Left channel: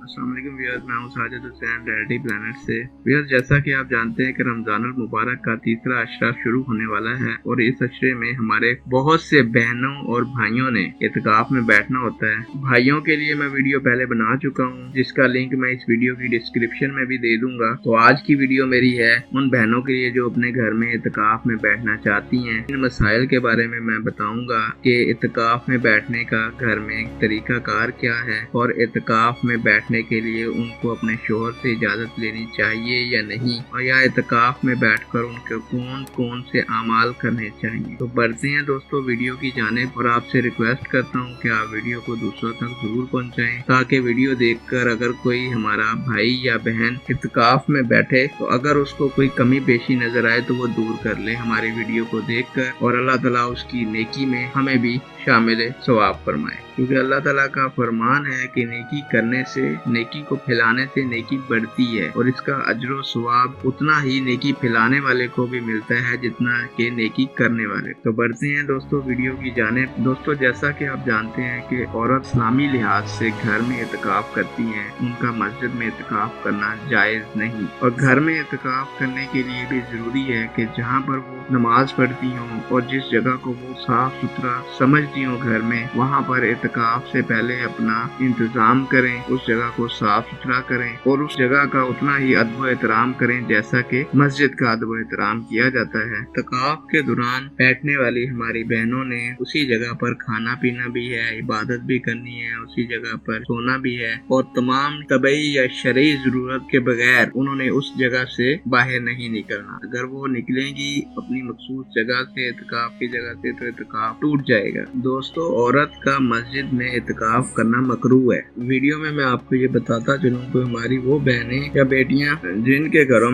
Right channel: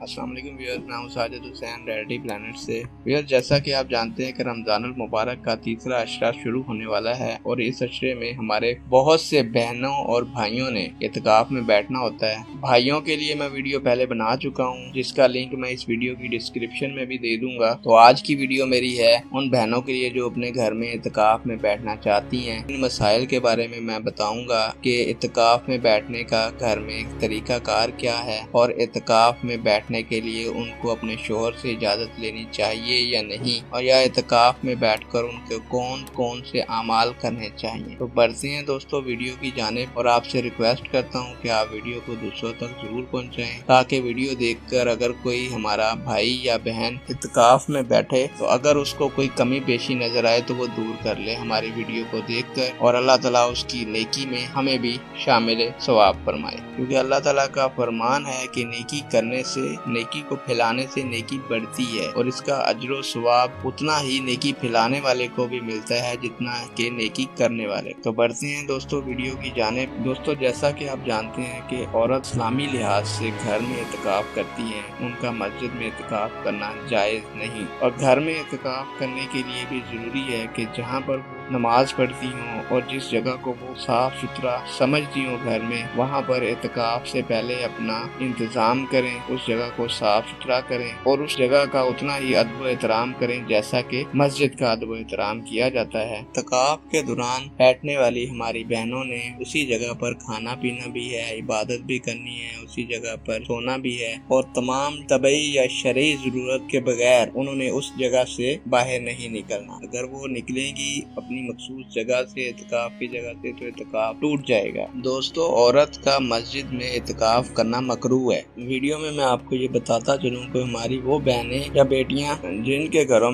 अस्सलाम वालेकुम व्यूअर्स, मैं हूं साजिद हुसैन रियलिटी प्लैनेट से। व्यूअर्स, जैसा कि आप जानते हैं कि रमज़ानुल मुबारक का तीसरा अशरा शुरू होने वाला है और इस अशरे में हमारे बहुत से बहनों और भाइयों ने इत्काफ में बैठना होता है। भाइयों के लिए मैं वीडियो पहले बना चुका हूं, जिसका लिंक मैं इस वीडियो की डिस्क्रिप्शन में भी दे दूंगा। तो आज की वीडियो मेरी है उन बहनों के लिए जो अपने घर में इत्काफ में बैठना चाहती हैं। इन मसाइल के बारे में मैं बताऊंगा कि इत्काफ में बैठने का घर में तरीका कार क्या है और इत्काफ में बैठने के लिए उनको अपने शोहर से इजाजत लेनी चाहिए या नहीं, और या इत्काफ में बैठकर उनको कौन कौन से अमाल करने चाहिए। तो बढ़ते हैं दोस्तों वीडियो की जानिब, और आपसे रिक्वेस्ट करता हूं कि आप वीडियो को दूसरों तक जरूर पहुंचाएं, ताकि वीडियो देखकर अगर कोई हमारा भाई या बहन इत्काफ में बैठे तो अगर उसको कोई कमी पेशी नजर आए तो वो दूर कर ले हमारी वीडियो को देखकर, और अल्लाह ताला उसकी नेकी में हमें भी शामिल सवाब फरमाए। क्योंकि अल्लाह ताला का फरमान है कि नेकी करने से, नेकी को फैलाने से नेकी बढ़ती है, और इसका अजर सवाब उतना ही नेकी फैलाने वाले को भी मिलता है जितना कि नेकी करने वाले। तो बढ़ते हैं दोस्तों वीडियो की जानिब। दोस्तों, जैसा कि आप जानते हैं कि औरत इस्लामी लिहाज से घर में इत्काफ करती हैं, उनका मस्जिद में इत्काफ करना जायज नहीं, और घर में इत्काफ करने के लिए भी जरूरी है कि जहाँ पर वो नमाज पढ़ती हों और जिस जगह को वो साफ सुथरा समझती हों घर में, वहाँ पर इत्काफ से पहले अपना इंतजाम करें, उस जगह को साफ सुथरा करें और उस जगह का उतना ही अदब एहतराम करें जैसा कि मस्जिद का अदब एहतराम किया जाता है। इत्काफ के दौरान बैठने वाली हमारी बहनों ने उसी जगह पर खाना पीना भी है, इबादत भी करनी है, उसी जगह पर सोना भी है, और तमाम तबई या शरई जरूरत के बगैर उन्होंने उस जगह से बाहर नहीं निकलना। अगर वो निकलेंगी अपनी मखसूस जगह से, इत्काफ की जगह से, तो इत्काफ टूट जाएगा। दोस्तों, औरत का मस्जिद में इत्काफ करना मकरूह है। वीडियो में मैं आपको ये बताता चलूं कि हमारी वो बहनें या बेटियां जिनके घरों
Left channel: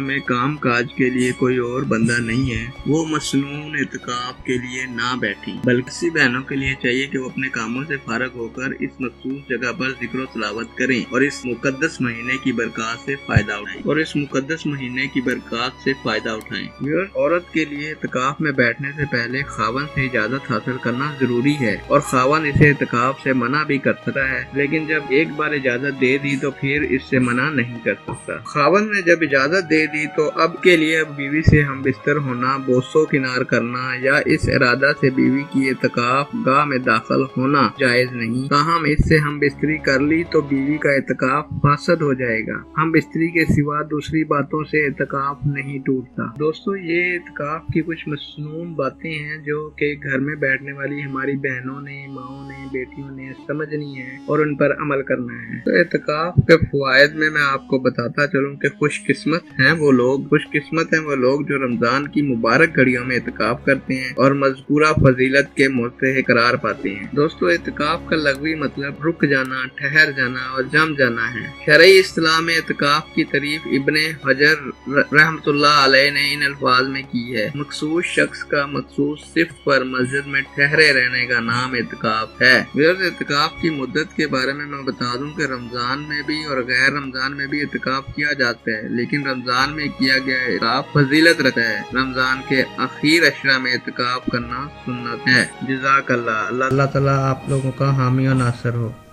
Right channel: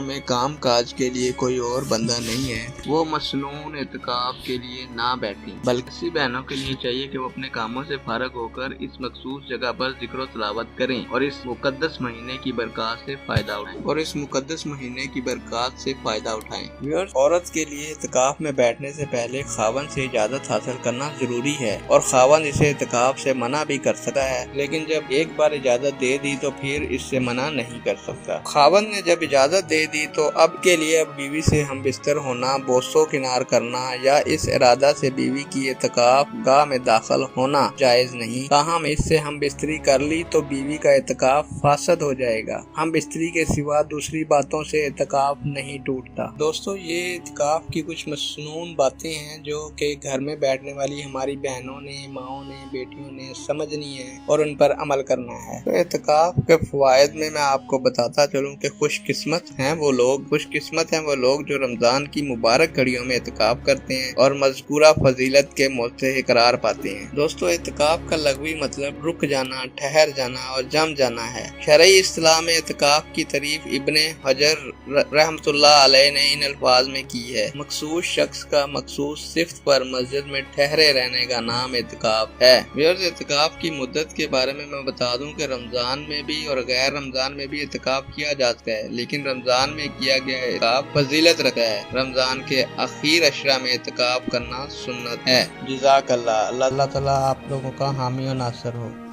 में काम काज के लिए कोई और बंदा नहीं है, वो मसनून इत्काफ के लिए ना बैठी, बल्कि ऐसी बहनों के लिए चाहिए कि वो अपने कामों से फारग होकर इस मखसूस जगह पर जिक्र तलावत करें और इस मुकद्दस महीने की बरकत से फायदा उठाएं। औरत के लिए इत्काफ में बैठने से पहले खावन से इजाजत हासिल करना जरूरी है, और खावन इसे इत्काफ से मना भी कर सकता है, लेकिन जब एक बार इजाजत दे दी तो फिर इससे मना नहीं कर सकता। खावन ने जब इजाजत दे दी तो अब के लिए अब बीवी से हम बिस्तर होना, बोसो किनार करना या इस इरादा से बीवी की इत्काफ गाह में दाखिल होना जायज नहीं। हम इससे हम बिस्तरी कर ली तो बीवी का इत्काफ फासद हो जाएगा। हम बिस्तरी के सिवा दूसरी बातों से इत्काफ नहीं टूटता। दोस्तों, ये इत्काफ की कुछ मसनून बातें हैं जो कि घर में बैठने वाली हमारी बहनों ने, माओं ने, बेटियों ने समझनी है और उन पर अमल करना है। तो इत्काफ के फवायद में मैं आपको बताता चलूं कि खुशकिस्मत हैं वो लोग जो रमजान की मुबारक घड़ियों में इत्काफ करते हैं और मज़कूरा फजीलत के मोहते करार पाते हैं। दोस्तों, इत्काफ का लग़वी मतलब रुक जाना, ठहर जाना और जम जाना है। शरई इस्तिलाह में इत्काफ की तारीफ इब्ने हजर रहमतुल्लाह अलैह ने इन अल्फाज में की है: मखसूस शख्स का मखसूस सिफ्त पर मस्जिद में ठहरे रहने का नाम इत्काफ है। इत्काफ की मुद्दत के बारे में मैं बता दूं कि रमजान में भी और गैर रमजान में भी इत्काफ किया जाता है, लेकिन रमजान में किया गया इत्काफ फजीलत रखता है। रमजान के आखिर अशरा में इत्काफ करना सुन्नत है। जज़ाकल्लाह। अल्लाह ताला आप लोगों का हामी और नासर हो।